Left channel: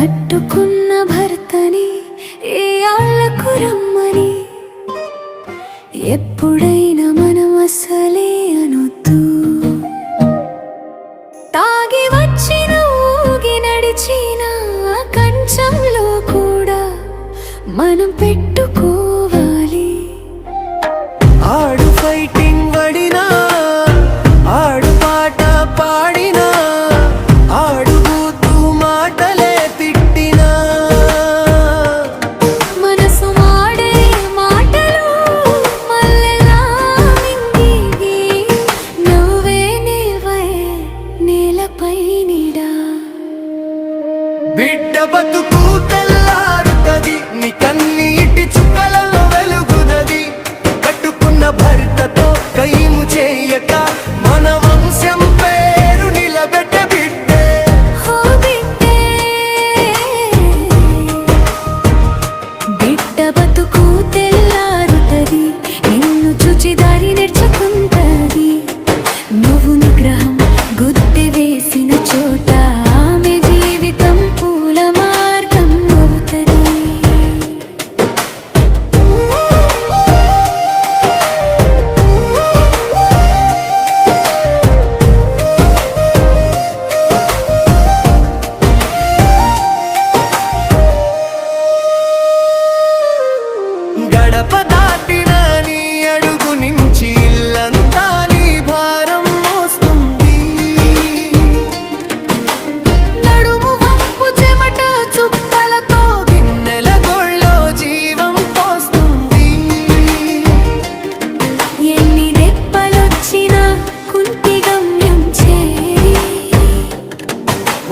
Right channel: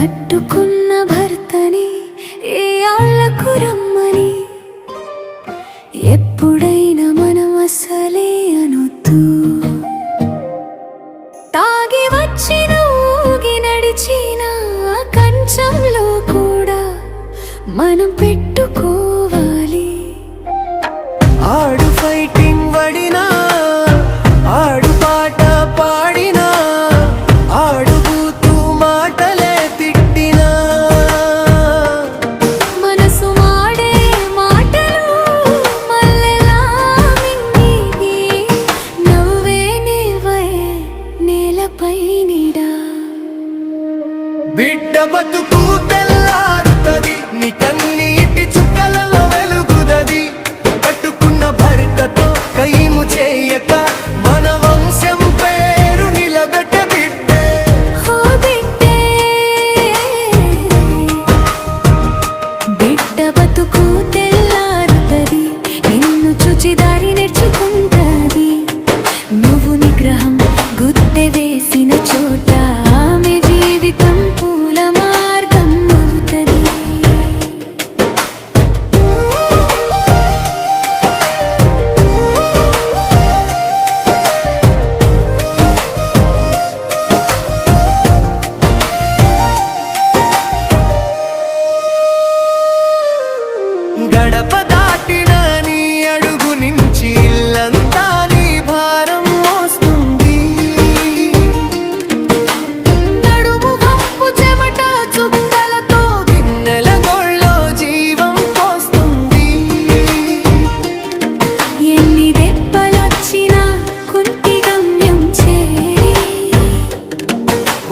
కట్టుకున్న భర్తని ఏ ఆళ్ళకు రమ్మని ఎప్పుడైనా మనం అసలే అనొద్దు. తాగి వచ్చిన ఊగి నడిచిన కంచంలో కూడా మనం పెట్టుకోవాలి. ఆడు ఫైటింగ్ వడినా, ఆడు పాట పాడినా, ఆడు బూతు మాటలే తిట్టినా, మనసు మాడే మాటలు మల్లెలా మింగి నవ్వే నేవే నేలపై నీడా. బిడ్డ బతుకు తెల్లారుతది, నీ కన్నీటి చుక్కలలో వెలుగుదది. కట్టుకున్న భర్తతో కైము చేయక మన వంశం పేరు నిలబెట్ట బిడ్డే. హో బిడ్డే, బిడ్డ బతుకు తెల్లారుతది, నిన్ను చూచి దారి నేర్చుకుంటది. నువ్వు నిగ్రహం గుద్దె వేసిన చోట ఆమె జీవితం పూల మార్గం అవుతది. గడప దాటిన నీ అడుగు నుంచి ఇల్లంతా నీ భారం మోస్తుంది. నడుము వంపు చెమట చుక్కలతో గిన్నెల గోళ్ళో జీవం పోస్తుంది. ఎన్ని దెబ్బలొచ్చినా కుంటి గమ్యం చేరి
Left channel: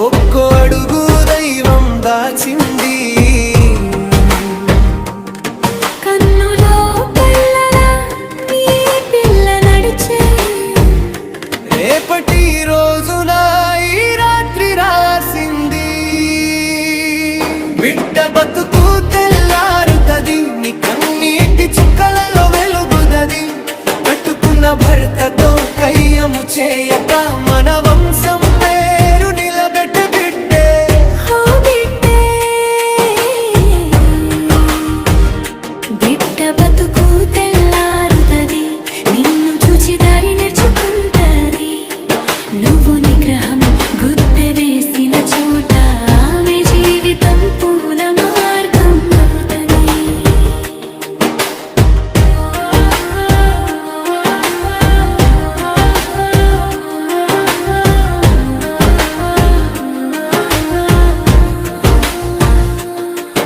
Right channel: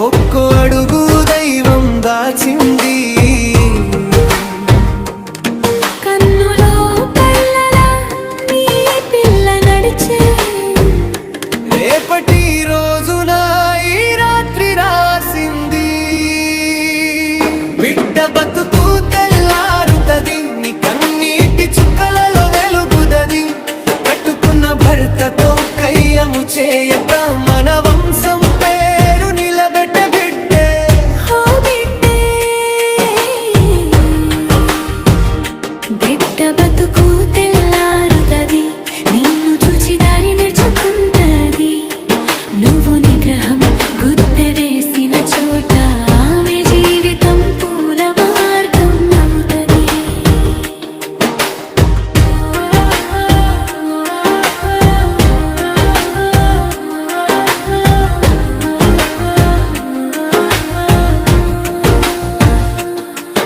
ఒక్కో అడుగు దైవం దాచింది. కన్నులో కళ్ళలా నీ పిల్ల నడిచే రేపటి రోజున ఈ రాత్రి రాసింది. బిడ్డ బతుకు తెల్లారుతది, నీ కన్నీటి చుక్కలలో వెలుగుదది. కట్టుకున్న భర్తతో కయ్యము చేయక మన వంశం